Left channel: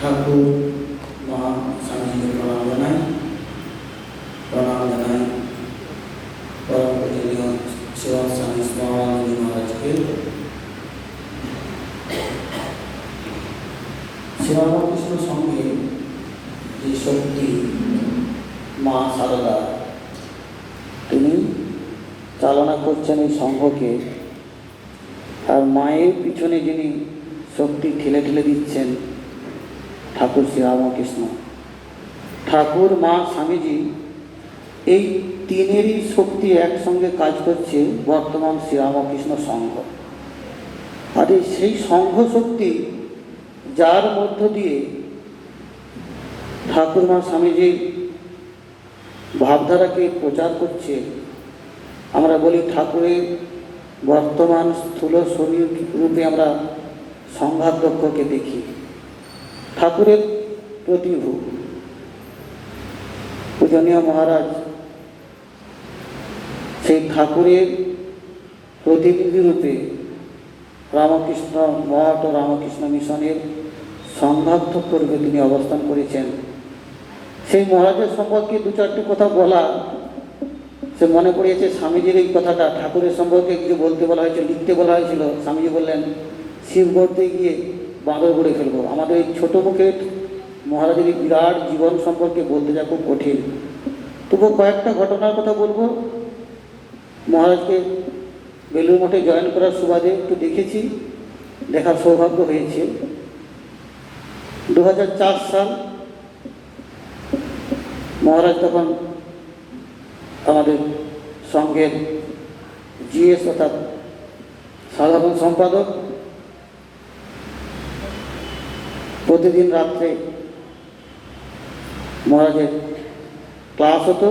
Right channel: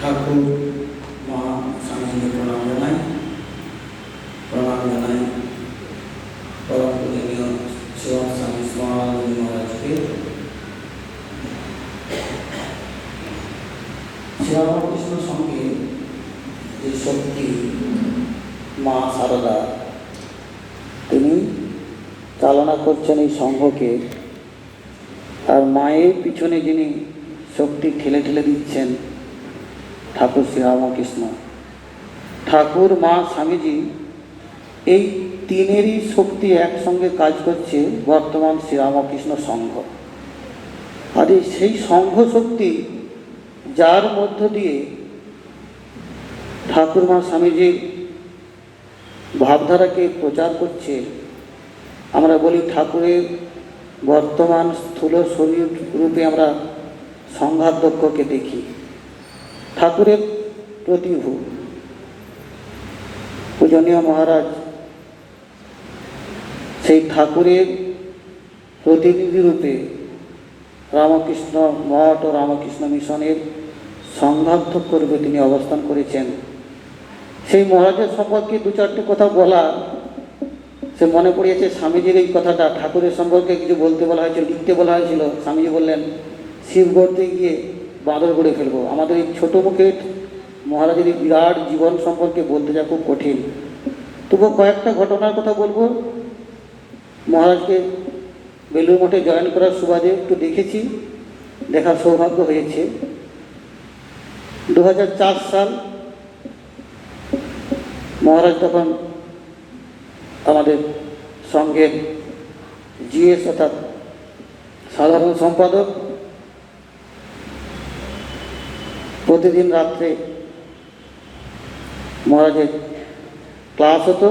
ঠাকুর, মা স্বামীজিকে প্রণাম জানাই। প্রণাম জানাই পরম পূজনীয় শিবম স্বামী স্মরণী মহারাজকে। শ্রীরামকৃষ্ণ সঙ্গে যে শক্তি, মা সারদা, তিনি চালনা করছেন এই সংঘকে। আর মায়ের পিছনে যিনি শক্তি ঠেলে ঠেলে দিচ্ছেন ঠাকুর শ্রীরামকৃষ্ণ ঠাকুর, মা, স্বামীজি এই তিনেরই শক্তি একসঙ্গে কাজ করছে বর্তমান শ্রীরামকৃষ্ণ সংঘ। আর সেই সংঘ শক্তি যার মধ্য দিয়ে ঠাকুর, মা স্বামীজির ভাবধারাকে প্রচার করছে। আমরা বলি ঠাকুরের বর্তমান স্থূল শরীর রূপে আমরা সংঘাধ্যক্ষকে দেখি। ঠাকুরের প্রতিভু। পূজনীয় মহারাজ, সেই ঠাকুরের প্রতিনিধি রূপে রামকৃষ্ণ মঠ ও রামকৃষ্ণ মিশনের সংঘাধ্যক্ষ রূপে তিনি অবস্থান করেছেন। সেই মহারাজের সম্পর্কে দু চারটে কথা বলা। সে মনে পড়িয়েছে স্বামীজির এই কথাটা ঠাকুরের সম্পর্কে কিছু বলতে বলা হয়েছিল, লিখতে বলা হয়েছিল। স্বামীজি বললেন শিব গড়তে গিয়ে বাঁদর করে ফেলব। আমাদের এই ছোটো মুখে মহারাজের বিরাট জীবন সম্পর্কে বলতে যা খুব কঠিন। তবুও কয়েকটা ঘটনার কথা বলব। মহারাজকে বেলুর মঠে জয়েন করার সুবাদে একটু দেখেছি। দেখার সৌভাগ্য হয়েছে। দু হাজার চার সাল মহারাজ তখন আমাদের সঙ্গে জিএস অর্থাৎ সাধারণ সম্পাদক প্রতিদিন রাত্রে মহারাজের ক্লাস হতো,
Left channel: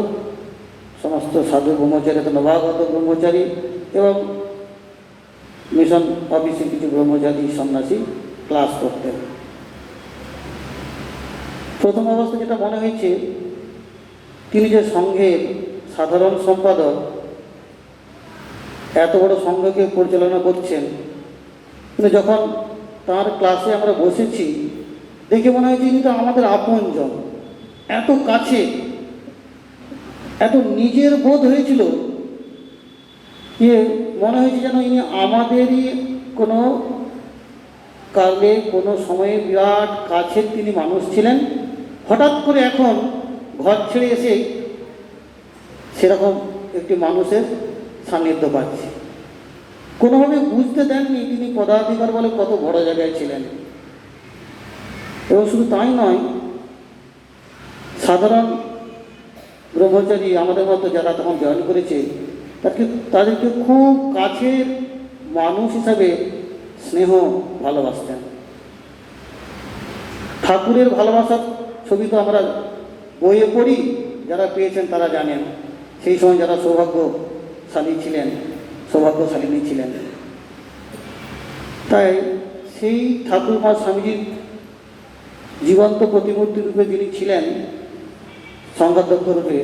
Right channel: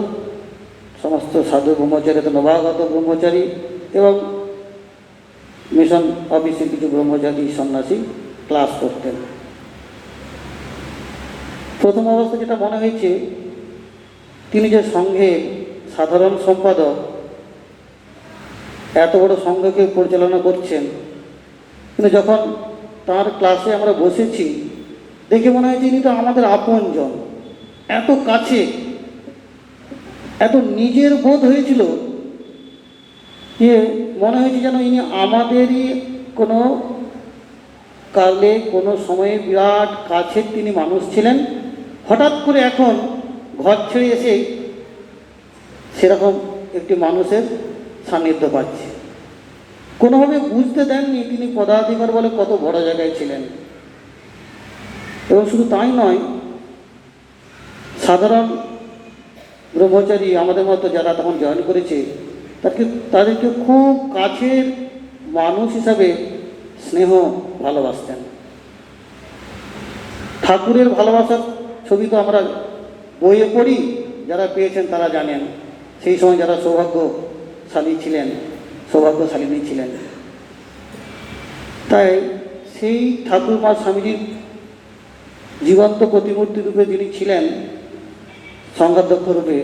সমস্ত সাধু ব্রহ্মচারী তো নবাগত ব্রহ্মচারী এবং মিশন অফিসের কিছু ব্রহ্মচারী, সন্ন্যাসী ক্লাস করতেন। প্রথম অবস্থা যেটা মনে হয়েছে, তিনি যে সংঘের সাধারণ সম্পাদক, এত বড় সংঘকে পরিচালনা করছেন, কিন্তু যখন তার ক্লাসে আমরা বসেছি দেখে মনে হয়েছে ইনি তো আমাদের আপনজন। এত কাছে, এত নিজের বোধ হয়েছিল যে মনে হয়েছে যেন ইনি আমাদেরই কোনো কালে, কোনো সময়ে বিরাট কাছের তিনি মানুষ ছিলেন। হঠাৎ করে এখন ঘর ছেড়ে এসে সেরকম একটি মানুষের সান্নিধ্য পাচ্ছে। কোনোভাবে বুঝতে দেননি তিনি পদাধিকার বলে কত বড় জায়গায় ছিলেন। এবং শুধু তাই নয়, সাধারণ ব্রহ্মচারী আমাদের মতো যারা তখন জয়েন করেছে তাদেরকে তাদেরকে খুব কাছের মানুষ হিসাবে স্নেহ ভালোবাসতেন। ঠাকুরের ভালোবাসার ছবি তো আমরা বইয়ে পড়ি, যারা পেয়েছেন তারা জানেন। সেই সময় যারা সৌভাগ্যশালী ছিলেন, সৌভাগ্যশালিনী ছিলেন। তাই সেই ঠাকুর মা স্বামীজির জীবন্ত প্রতিমূর্তি রূপে যিনি ছিলেন সংঘাধ্যক্ষ রূপে,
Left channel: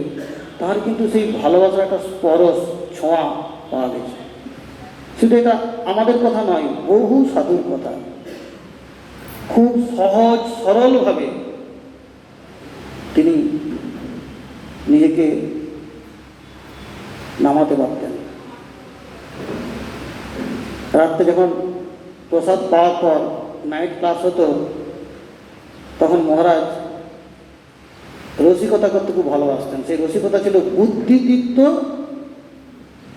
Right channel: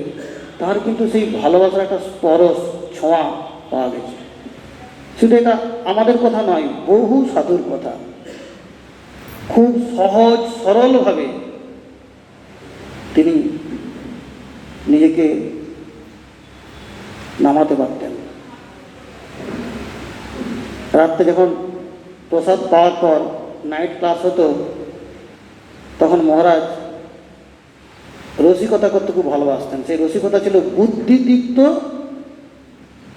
তার কিন্তু সেই ভালোবাসার একটা স্পরশ ছোঁয়া পাওয়া গেছে। শুধু এটা আমাদের কথা নয়, বহু সাধুর কথা। খুব সহজ, সরলভাবে তিনি নিজেকে নামাতে পারতেন। রাত্রে যখন প্রসাদ পাওয়ার পর নাইট ক্লাস হতো তখন মহারাজ রসিকতা করতে খুব ভালোবাসতেন। সেই রসিকতা ছিল বুদ্ধিদীপ্ত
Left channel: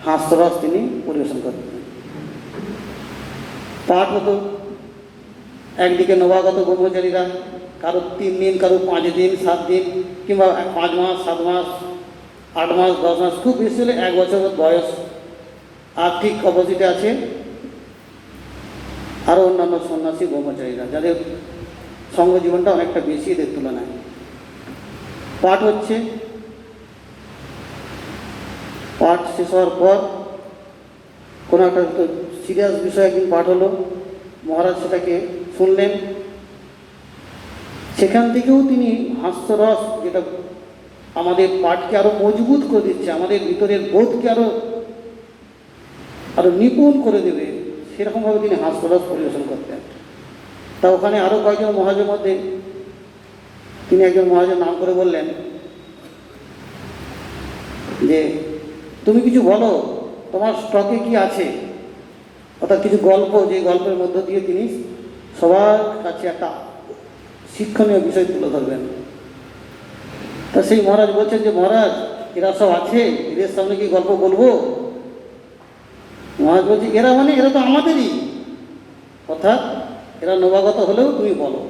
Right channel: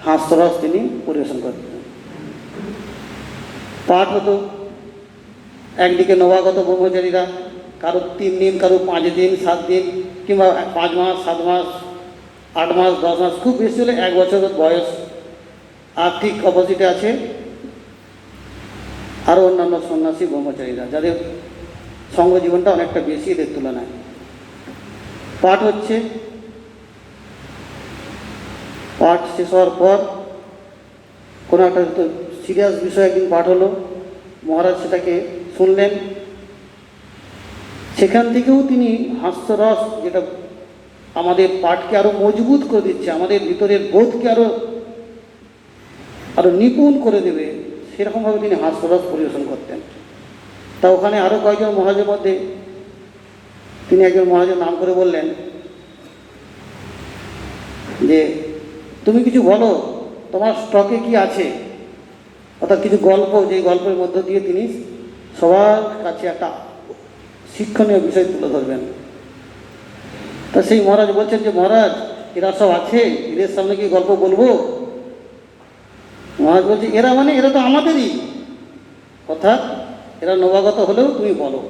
হাস্যরস তিনি পরিবেশন করতেন। পাঠ হতো একদিকে নবাগত ব্রহ্মচারীরা, কারও তিন দিন, কারও পাঁচ দিন, সাত দিন, কিংবা পাঁচ মাস, সাত মাস, আট মাস, দশ মাস, খুব বেশি হলে এক বছর বয়স। আর ঠিক অপোজিটে আছে আরও অন্যান্য সন্ন্যাসী ব্রহ্মচারীরা, যাদের সঙ্গ জীবনটা অনেকটা বেশি এদের তুলনায়। পাঠ হচ্ছে। পাঠ শেষ হওয়ার পর কোনো একটা সিরিয়াস বিষয় একদিন পাঠ হলো। মহারাজ সেটাকে শুনলেন। সেখান থেকেও তিনি হাস্যরস যেটা আমাদের পাঠকে আরও মজবুত করে দিচ্ছে, আমাদের ভিতরের বোধকে আরও আরও নিপুণ করে দেবে, সেরকমভাবে তিনি হাস্যরস পরিবেশন করতেন। তা ওখানে আরও কয়েকজন মহারাজের মধ্যে, তিনি একজন মহারাজের নাম করে বললেন যে, তুমি কিছু বলো, তোমার স্টকে কি আছে? অর্থাৎ কিছু গল্প যে গল্পের মধ্য দিয়ে তিনি সবার কাছে একটা শিক্ষণীয় বিষয় তুলে ধরবেন। তা সেই মহারাজ বলছেন যে, মহারাজ, এরা সব আছে, এদের সামনে কি গল্প বলব? মহারাজ বলছে, এরা মানে এরা তো আমাদেরই। অর্থাৎ এরা নবাগত হলেও তুমি বলো।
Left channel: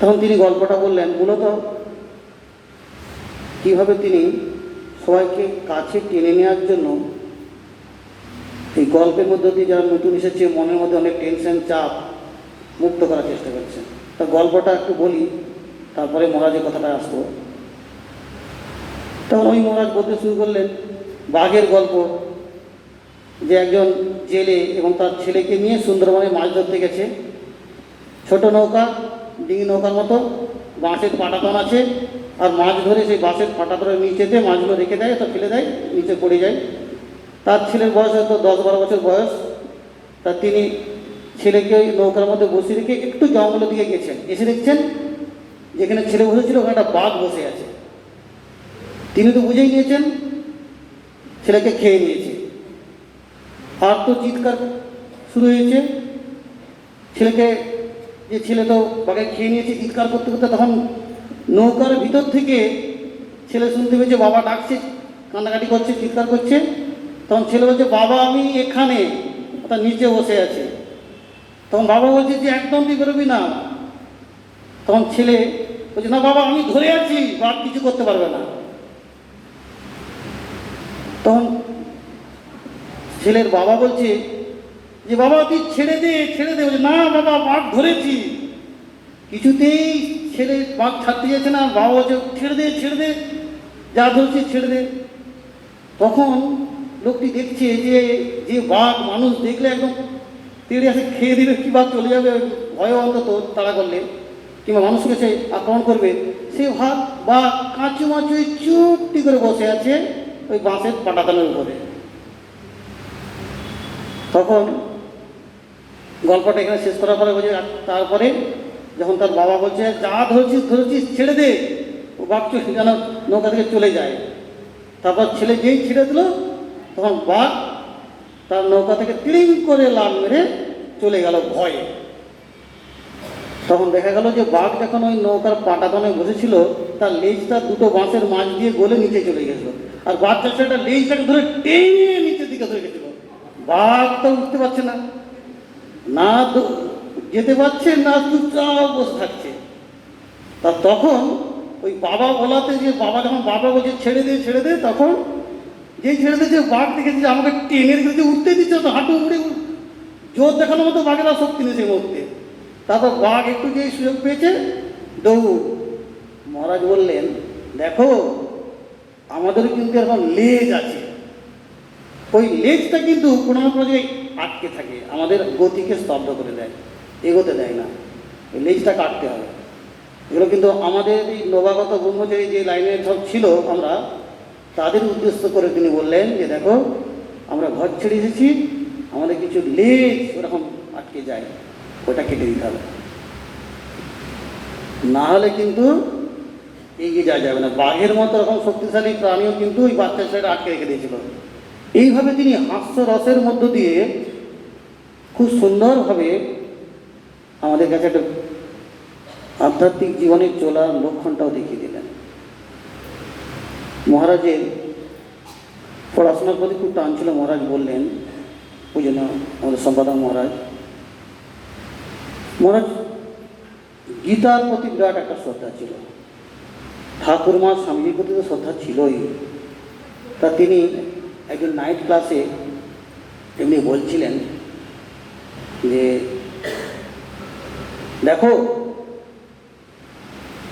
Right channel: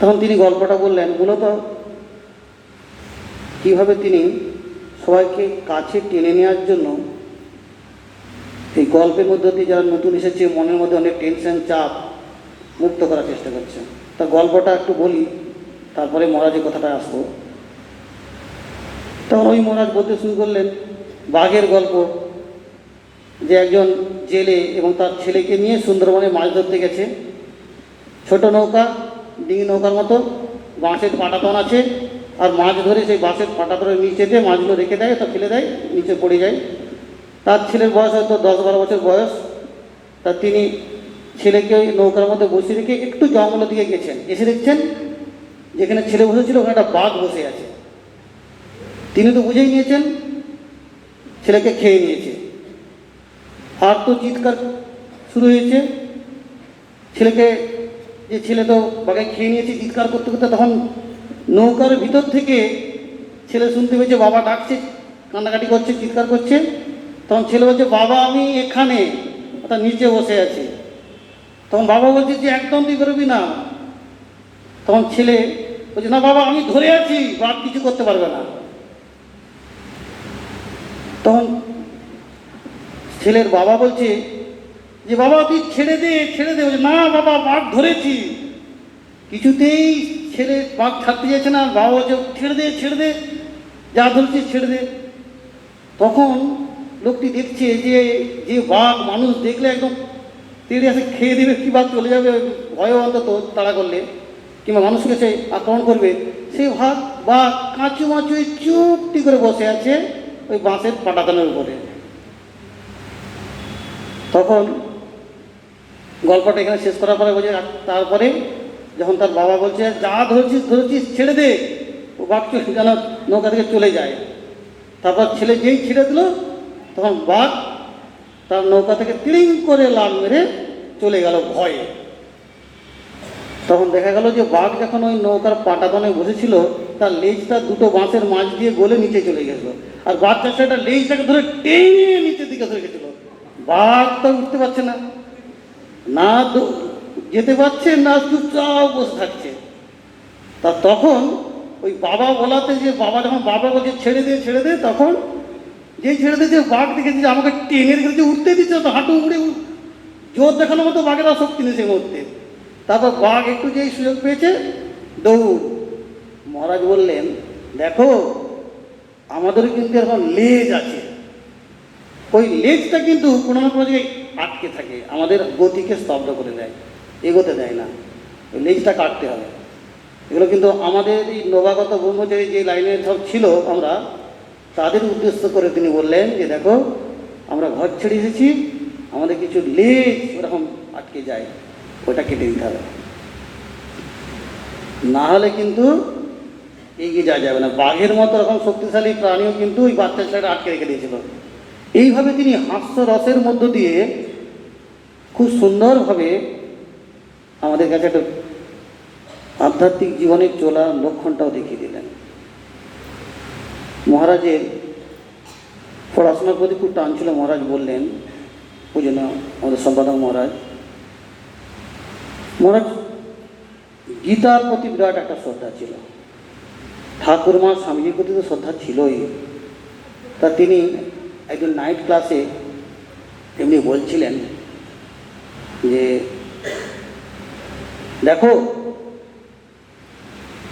তখন তিনি গল্পটা বললেন, মূলত কীভাবে তিনি সবাইকে কাছে টেনে নেওয়ার জন্য এই গল্পের মধ্যে দিয়ে যারা নতুন এসেছে, মনের মধ্যে অনেক টেনশন চাপ মুক্ত করার চেষ্টা করছেন। তা গল্পটা একটু বলি, তারপরে মহারাজের কথাটা আসব। তখন ওই মহারাজ বলতে শুরু করলেন, বাঘের গল্প যে একজন জেলে এবং তার ছেলেকে নিয়ে সুন্দরবনে মাছ ধরতে গেছে। ছোট নৌকা, ডিঙি নৌকার মতো, বাঁশের পাটাতন আছে, আর মাছ ধরে সেই বাঁশের পাটাতনের নিচেতে মাছগুলো রেখে দেয়, তো ফেলে দেয়, নিচে পড়ে যায়। তার ছেলের বয়স হয়তো দশ বারো বছর বয়স। তা তিনি ছেলেকে নৌকার মধ্যে বসিয়ে রেখে একটু জঙ্গলের দিকে গেছেন। এসে দেখছেন যেখানে ছেলে বসেছিল, ওখানে একটা বাঘ বসে আছে। তিনি তো বুঝেই নিয়েছেন, ছেলেকে খেয়ে নিয়েছে। আর তো চিৎকার শুরু হয়েছে। ছেলেকে, যে ছেলে তো বাঘে খেয়ে নিয়েছে চিৎকার করতে করতে, তখন নৌকার ভিতর থেকে ছেলে শুনতে পেয়েছে, বাবা ডাকছে, কান্নাকাটি করছে, চিৎকার করছে। তখন ছেলে বলছে, বাবা, আমি এখানে। তার নিচে বসে আছে। তখন বাবা বলছে যে, একদম তুই করবি না। তখন ছেলে বলছে, না বাবা, আমি ধরে আছি বাপ কিছু করতে পারবে না। তখন ছেলের বাবা বলছে যে, বাবা, তুই ছেড়ে দে ছেড়ে দে। না, বাবা বাঘ ধরেছি। কিছুতেই ছেলে বাঘ ছাড়তে যাচ্ছে না, বাবা বলছে, ছেড়ে দে ছেড়ে দে, যা ধরছিস ছেড়ে দে। তখন লোকটি দেখছে যে যে বাঘ মানুষ দেখলে একদম তেড়ে আসে খেয়ে দেবে, কি বা চলে যাবে, ভয় অন্তত তাড়া করলে, কিংবা মানুষকে সে আক্রমণ করবে। সে ভাব বা কাঁচু মাচু চুপটি করে বসে আছে ওই বাঁশের পাটাতনের উপরে। তখন গল্পটা এখানে শেষ করার পরে বলছে তারপরে যখন তার বাবা বলছে, যা ধরেছিস ধরেছিস, ছেড়ে দে। ও বাঘকে যেন নৌকা থেকে চলে যায়। তারপর ছেলে যেই ছেড়ে দিল, তখন বাঘ তার নৌকা থেকে ক্লিং করে লাল মেরে চলে গেল ভয়ে। তখন দেখা গেল যে বাঘ যখন ওই নৌকার পাটাতনে বসেছিল, তার লেজটা দুটো বাঁশের মাছ দিয়ে গলে নিচে চলে গেছিল। আর বাচ্চা সেটা লেজটাকে ধরে টেনে নিচের দিকে ধরে গেছিল বাঘ তো উঠতে পারছে না। না যেতে পারছে, না চুপচাপ বসে থাকছে। তা তখন ওই বাবা বলাতে যে বাবা যখন বাবা বলছে, ছেড়ে দে ছেড়ে দে, তখন যেই ছেড়ে দিয়েছে বাঘ দেখেছে আমাকে টেনে রেখেছে উঠতে দিচ্ছে তো হাঁটু উড়ে জোর দেখানোর মতো বাঘের শক্তি নেই সেই মুহূর্তে। তারপর বাঘ একটু যেই সুযোগ পেয়েছে, দৌড়। মহারাজ বললেন, দেখো, আমাদের কিন্তু এখন লেজ আছে। ওই লেজটা কিন্তু কোনো না কোনো জায়গায় আটকে থাকে, আমাদের গতিকে স্তব্ধ করে দেয়, এগোতে দেয় না। ওই লেজটা কাটতে হবে এগুলো কিন্তু আমাদের এই নবাগত ব্রহ্মচারী যে লাইনের সব ছিল আমরা, তাদের উদ্দেশ্য করে তিনি বললেন যে, দেখো, আমরা ঘর ছেড়ে এসেছি, আমাদের কিছু লেজ ওরকম আটকে যায়, ওটা কেটে দিতে হবে। না হলে কিন্তু এগিয়ে যাওয়া যাবে না। বাঘের মতো এরকম শক্তিশালী প্রাণীও কিন্তু ওই বাচ্চা ছেলেটা আটকে রেখে দিয়েছিল। এইভাবে তিনি হাস্য রসের মধ্য দিয়ে খুব সুন্দরভাবে আমাদের কাছে একটা আধ্যাত্মিক জীবনে চলার লক্ষণটাও দেখিয়ে দিলেন। মহারাজের পড়াশোনার প্রতি খুব টান ছিল, মহারাজ বললেন, ওই জন্য আমাদের সম্পাদক মহারাজ মহারাজ, গীতার প্রতি বিরাট একটা শ্রদ্ধা ছিল। ঠাকুরমা স্বামীজির প্রতি তো শ্রদ্ধা ছিলই। তা তিনি একদিন নাইট ক্লাসে এমনি বলছিলেন যে, দেখো,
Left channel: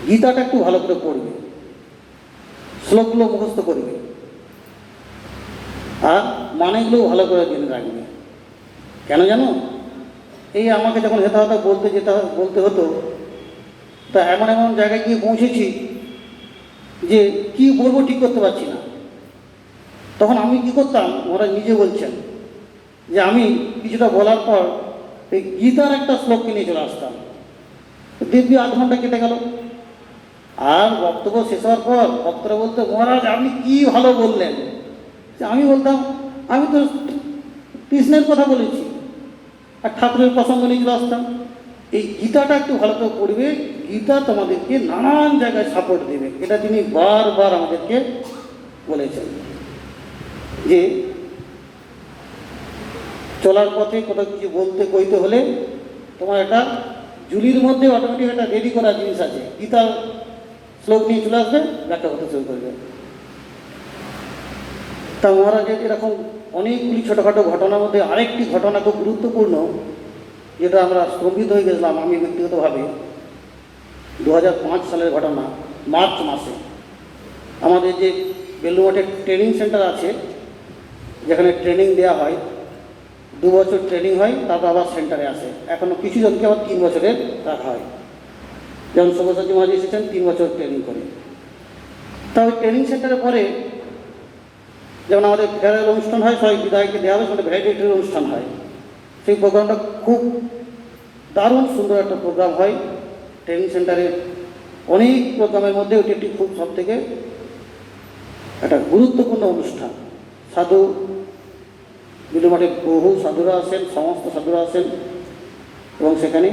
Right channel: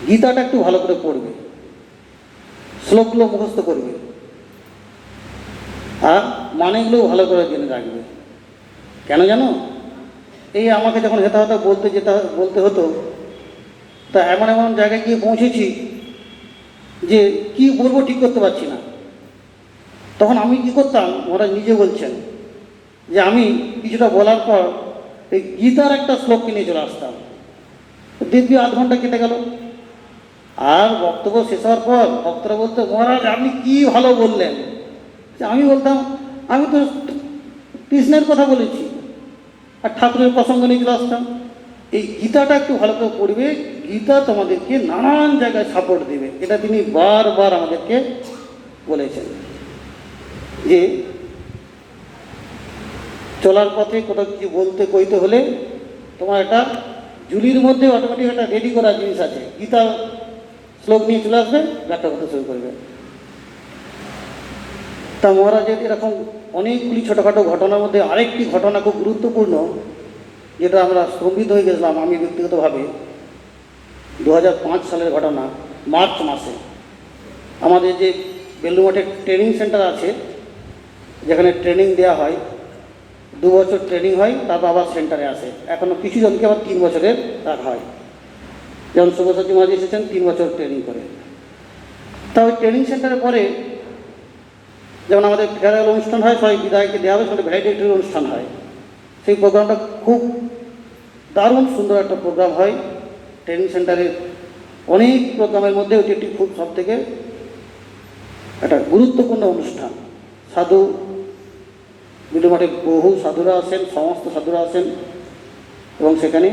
গীতাটা একটু ভালো করে পড়বে, শ্লোকগুলো মুখস্থ করবে, আর মানেগুলো ভালো করে জেনে রাখবে। কেন জানো? এই আমাকে যখন হেতা হতা বলতে যেতে বলতে হতো, তা এমন এমন জায়গায় গিয়ে পৌঁছেছি যে কি বলব ঠিক করতে পারছি না। তখন আমি কি করতাম? ওরা নিজে বলছেন যে আমি কিছুটা বলার পর এই গীতার একটা শ্লোক কিনে চলে আসতাম। দিব্যি আধ ঘণ্টা কেটে গেল। আর বক্তব্য শেষ হওয়ার পর ভক্তরা বলতো, মহারাজ, আপনি কি ভালো বললেন? যে আমি বলতাম, আমি তো কৃষ্ণের কথা বলেছি। আর ঠাকুরের প্রসঙ্গ নিয়ে চলে আসতাম। এই গীতাটা একটু ভালো করে পড়বে। গীতা তোমাদেরকে নানান জায়গায় সাপোর্ট দেবে। এটা তিনি বারবার আমাদেরকে বলেছেন। যে চলার পথে কোথাও কিছু বলতে কইতে হলে তোমার একটা জুলির মধ্যে অটোমেটিক একটা রেডি করা জিনিস আছে। গীতা শ্লোক নিয়ে চলে আসবে, ব্যাখ্যা করতে শুরু করবে। তা মহারাজের এরকম অনেকগুলি ছোটোখাটো ঘটনার মধ্যে আরেকটি ঘটনা খুব গুরুত্বপূর্ণ, যেটা আমরা স্তম্ভিত হয়ে গেছিলাম আমি ব্যক্তিগতভাবে। দু হাজার পাঁচ সালের ঘটনা, মার্চ মাসে। আমাদের যে বেলুমঠে ট্রেনিং সেন্টার আছে যেখানে ট্রেনিং দেওয়া হয়, দু বছর ট্রেনিং হয় তারপর আবার সেন্টারে আসে। এখনও কিছু জনকে আবার তিন বছরের রাখা হয়। যেমন সব্যসাচী মহাজি এসেছেন, তিন বছর ট্রেনিং করে। তা ওই ট্রেনিং সেন্টারে পরে যেমন আমাদের ফেয়ারওয়েল অনুষ্ঠান হয়, সবাই বিদায়কে দেওয়া হবে সেটা ভ্যারাইটির অনুষ্ঠান হয়। সেই প্রোগ্রামটা খুব দারুণ সুন্দর একটা প্রোগ্রাম হয়। ট্রেনিং সেন্টারে অনেক প্রোগ্রামের মধ্যে ওটি একটি খুব সব থেকে একটা গুরুত্বপূর্ণ অনুষ্ঠান। সাধু বিলুমাঠে বহু সাধুরা আসেন সমস্ত সাধুরা আসেন এবং সেখানে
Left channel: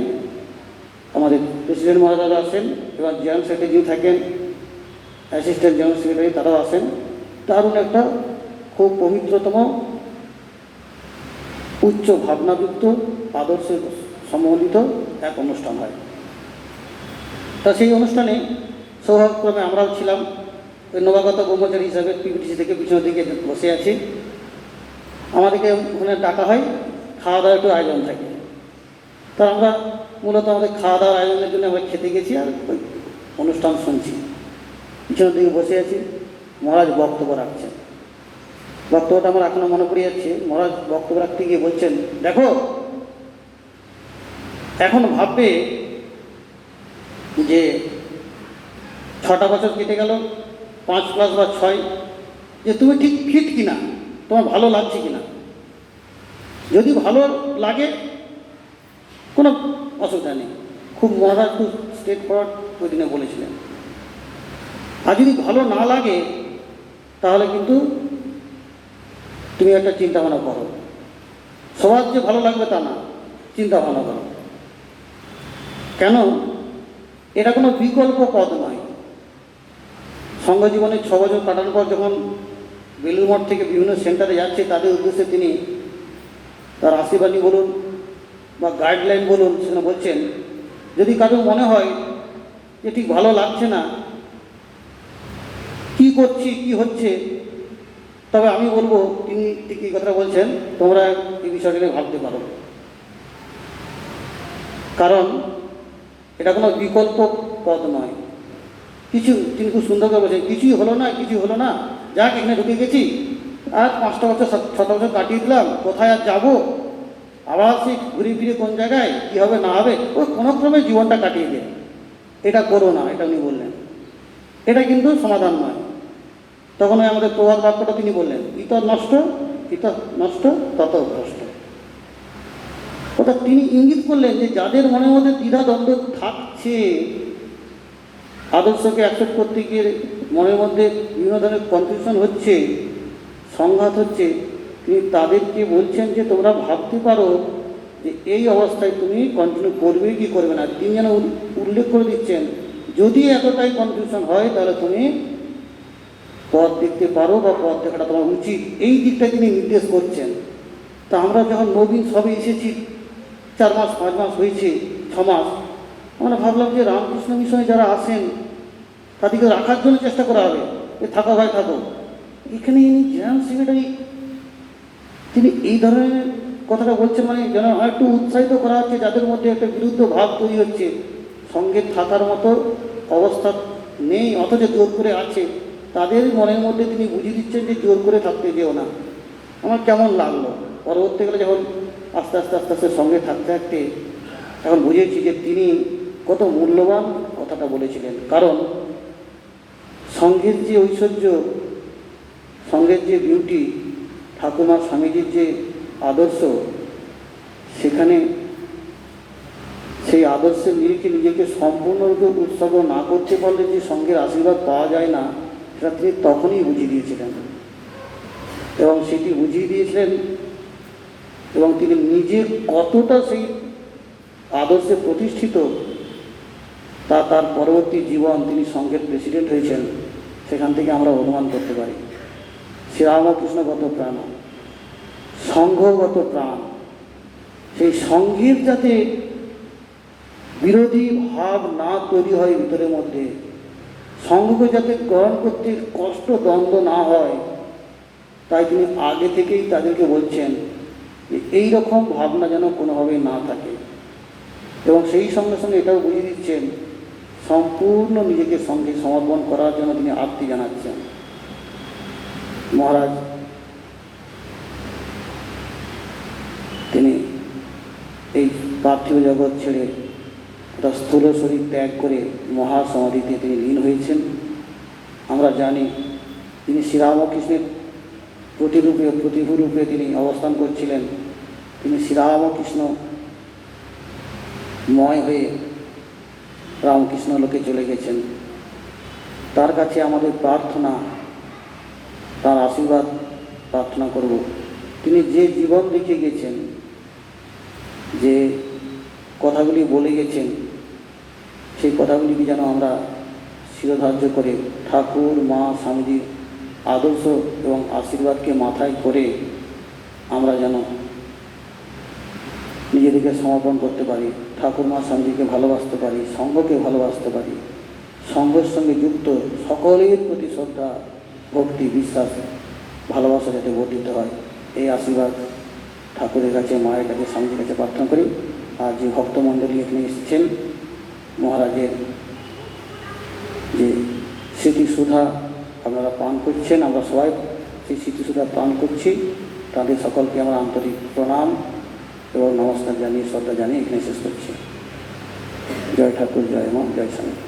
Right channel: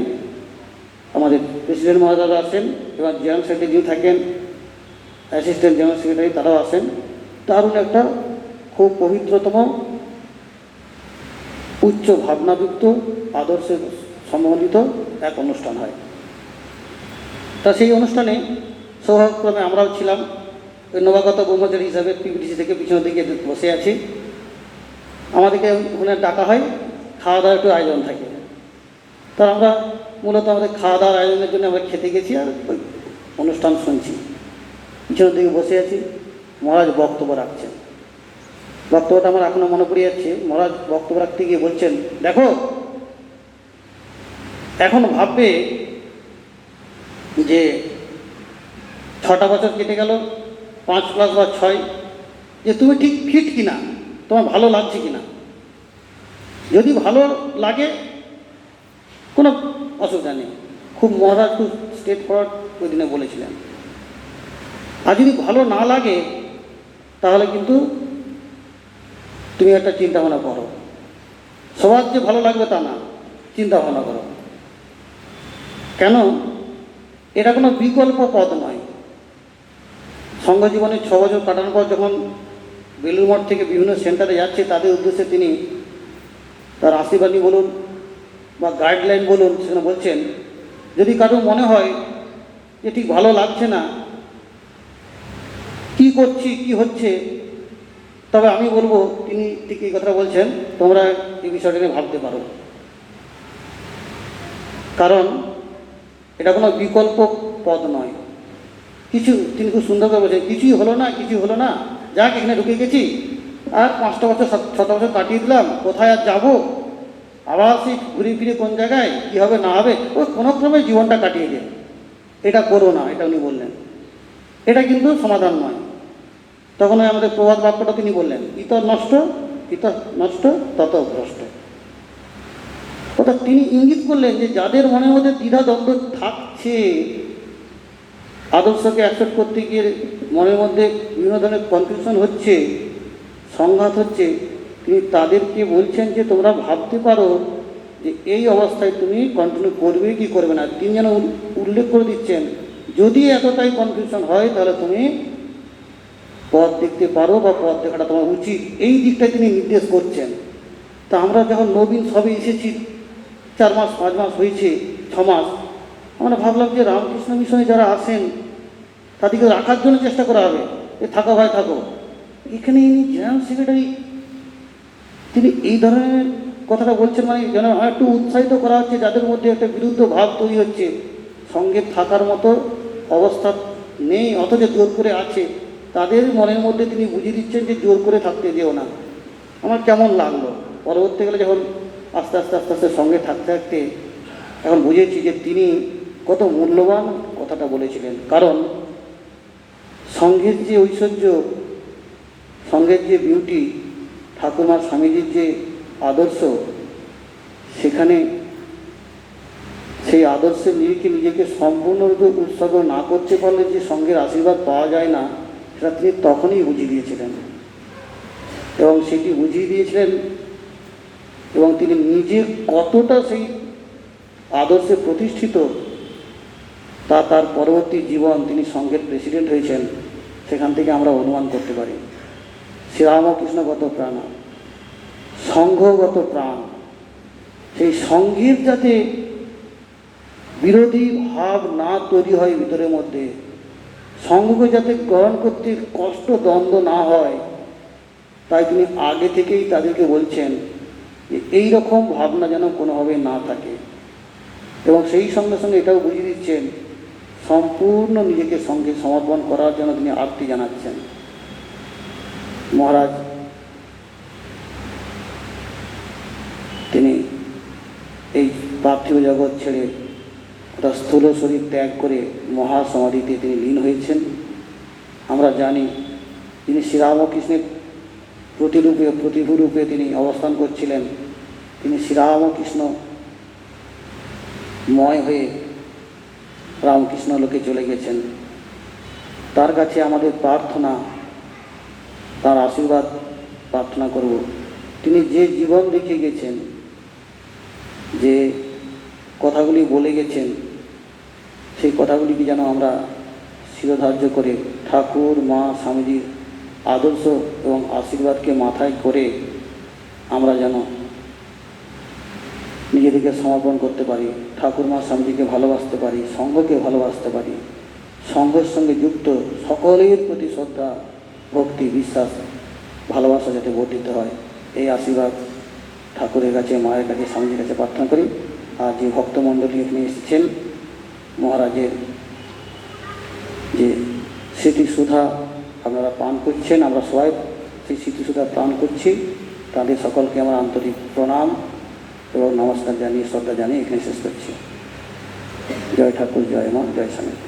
আমাদের প্রেসিডেন্ট মহাদারা আসেন এবং জেনারেল সেক্রেটারি থাকেন, অ্যাসিস্ট্যান্ট জেনারেল সেক্রেটারি তারাও আসেন দারুণ একটা খুব পবিত্রতম, উচ্চ ভাবনাযুক্ত, আদর্শে সম্বন্ধিত এক অনুষ্ঠান হয়। তা সেই অনুষ্ঠানে সৌভাগ্যক্রমে আমরাও ছিলাম, নবাগত ব্রহ্মচারী হিসাবে পিবিটিসি থেকে পিছনের দিকে বসে আছি। আমাদেরকে ওখানে ডাকা হয় খাওয়া দাওয়ার একটু আয়োজন থাকে। তা আমরা মূলত আমাদের খাওয়া দাওয়ার আয়োজনের জন্য আমরা খেতে গেছি আর ওই অনুষ্ঠান শুনছি। পিছনের দিকে বসে আছি, মহারাজ বক্তব্য রাখছেন। বক্তব্যটা আমার এখনও মনে পড়ে যাচ্ছে, মহারাজ বক্তব্য রাখতে গিয়ে বলছেন, দেখো, এখন ভাববে যে ছটা বছর কেটে গেল, পাঁচ প্লাস বা ছয়, যে তুমি ঠিক ফিট কিনা? তোমার ভালো লাগছে কিনা? যদি ভালো লাগে, কোনো অসুবিধা নেই। খুব মহারাজ খুব স্টেট ফরওয়ার্ড ওই দিনে বলেছিলেন আর যদি ভালো না লাগে, তাহলে কিন্তু তুমি একটা চিন্তা ভাবনা করো। সবার যে ভালো লাগবে তা না চিন্তা ভাবনা করো। কেন? এটা কোনো বিকল্প পথ নয়। সঙ্গ জীবনে ছ বছর কাটানোর পর যখন বেলুর মঠ থেকে বিভিন্ন সেন্টারে যাচ্ছে, তাদের উদ্দেশ্যে তিনি তার আশীর্বাদী বলুন বা গাইডলাইন বলুন, সেখানে বলছেন, যদি কারও মনে হয় যে ঠিক ভালো লাগছে না, কি করছি, কি হচ্ছে, তবে আমি বলব, তিনি ঠিক এই কথা বলছেন, তোমরা এই বিষয়টা নিয়ে ভাবতে পারো। কারণ এটা কোনো বিকল্প পদ নয়। কিছু তিনি খুব সুন্দর করে বলছেন, কিছুই হলো না, কিছুই হলো না। যাক, এখানে ঢুকে গেছি। আর পাঁচটা বছর ছটা বছর কাটিয়ে দিলাম। কোথায় আর যাব? আবার সেই ঘুরে ফিরে কোন জায়গায়? কী হবে, না হবে? ওই কোনো ক্রমে জীবনটা কাটিয়ে দেয়। এটা করো না, এটা উনি বললেন। এটা কিন্তু সমাধান নয়। তখন আমাদের প্রবাদ বাক্যটা তিনি বললেন, ইতর নষ্ট ইতর নষ্ট, তত ভ্রষ্ট। অর্থাৎ তিনি ইঙ্গিত করলেন যে যাদের মনের মধ্যে দ্বিধা দ্বন্দ্ব থাকছে আদর্শকে অ্যাকসেপ্ট করতে গিয়ে মনের মধ্যে বিভিন্ন ধরনের কনফিউশন হচ্ছে, সংঘাত হচ্ছে, তিনি তাদেরকে বলছেন যে তোমরা ভাবতে পারো যে এই অবস্থায় তুমি কন্টিনিউ করবে কি করবে না। তিনি যেন উল্লেখ করে দিচ্ছেন, যদি এতটাই কনফিউশন হয় তাহলে তুমি পথ দেখতে পারো বা পথ দেখাটা তোমার উচিত। এই দিকটা তিনি নির্দেশ করছেন। তা আমরা যখন নবীন সবে এসেছি, চার মাস, পাঁচ মাস হয়েছে, ছ মাস, আমরা ভাবলাম যে রামকৃষ্ণ মিশনে যারা আসেন তাদেরকে রাখার জন্য চেষ্টা করা হবে। থাকো ভাই, থাকো। এখানে জেনারেল সেক্রেটারি, তিনি এই ধরনের কথাটা বলছেন মানে যেন একটু উৎসাহিত করা হচ্ছে, যাদের মধ্যে একটা বিরুদ্ধ ভাব তৈরি হচ্ছে। সঙ্গে থাকার মতো অবস্থা নেই, অথচ জোর করে আছে। তাদের মনের মধ্যে তিনি বুঝিয়ে দিচ্ছেন যে জোর করে থাকতে যেও না। আমার কেমন লাগল? পরবর্তীকালে যখন আস্তে আস্তে আস্তে আস্তে সঙ্গে থাকতে থাকতে এখন বুঝেছি যে তিনি কত মূল্যবান কথাটা বলেছিলেন। কারণ সঙ্গের যে ঐশ্বর্য, সঙ্গের যে বিউটি ঠাকুমার স্বামীজির যে আদর্শ, সেখানে সেই আদর্শের নিরিখে নিজেকে সম্পূর্ণরূপে উৎসর্গ না করতে পারলে যে সঙ্গের আশীর্বাদ পাওয়া যায় না, সেটা তিনি তখনই বুঝিয়ে দিয়েছিলেন। এবং সেটি বুঝিয়ে দিয়েছিলেন এবং তিনি নিজে কতটা সেই আদর্শে প্রতিষ্ঠিত, তা তার পরবর্তী জীবন তিনি সঙ্গের প্রেসিডেন্ট হয়েছেন। সেখান থেকে আমরা অনুমান করতে পারি। শ্রীরামকৃষ্ণগত প্রাণ, সংঘগত প্রাণ, সেই সঙ্ঘের যাতে বিরোধী ভাব না তৈরি হয় ভিতরের মধ্যে সঙ্ঘকে যাতে গ্রহণ করতে কষ্ট, দ্বন্দ্ব না হয়, তাই তিনি আগে থেকেই তাদেরকে বলছেন যে এই রকম ভাবনা যেন কোনোভাবেই না থাকে। এবং সেই সঙ্গে সঙ্গে এটাও বুঝিয়ে দিচ্ছেন সম্পূর্ণ নিজেকে সঙ্গে সমর্পণ করার জন্য তিনি আরতি জানাচ্ছেন। মহারাজ, তিনি এই পার্থিব জগৎ ছেড়ে একটা স্থূল শরীর ত্যাগ করে মহাসমাধিতে তিনি লীন হয়েছেন। আমরা জানি তিনি শ্রীরামকৃষ্ণের প্রতিরূপে, প্রতিভূরূপে তিনি অবস্থান করছিলেন। তিনি শ্রীরামকৃষ্ণ ময় হয়ে রামকৃষ্ণ লোকে চলে গেছেন। তার কাছে আমাদের প্রার্থনা, তার আশীর্বাদ প্রার্থনা করব। তিনি যে জীবন রেখে গেছেন, যে কথাগুলি বলে গেছেন, সেই কথাগুলিকে যেন আমরা শিরোধার্য করে ঠাকুর, মা, স্বামীজির আদর্শ এবং আশীর্বাদকে মাথায় করে আমরা যেন নিজেদেরকে সমর্পণ করতে পারি। ঠাকুর মা স্বামীজিকে ভালোবাসতে পারি সঙ্ঘকে ভালোবাসতে পারি। সঙ্ঘের সঙ্গে যুক্ত সকলের প্রতি শ্রদ্ধা, ভক্তি, বিশ্বাস, ভালোবাসা যাতে বর্ধিত হয়। এই আশীর্বাদ ঠাকুরের কাছে, মায়ের কাছে স্বামীজির কাছে প্রার্থনা করি। আর যে ভক্তমণ্ডলী এখানে এসেছেন, মহারাজের যে স্মৃতিসুধা আপনারা পান করছেন, আমরা সবাই সেই স্মৃতিসুধা পান করছি। তাদের সকলকে আমার আন্তরিক প্রণাম। এবং নমস্কার জানিয়ে শ্রদ্ধা জানিয়ে এখানে শেষ করছি। জয় ঠাকুর জয় মা জয় স্বামী।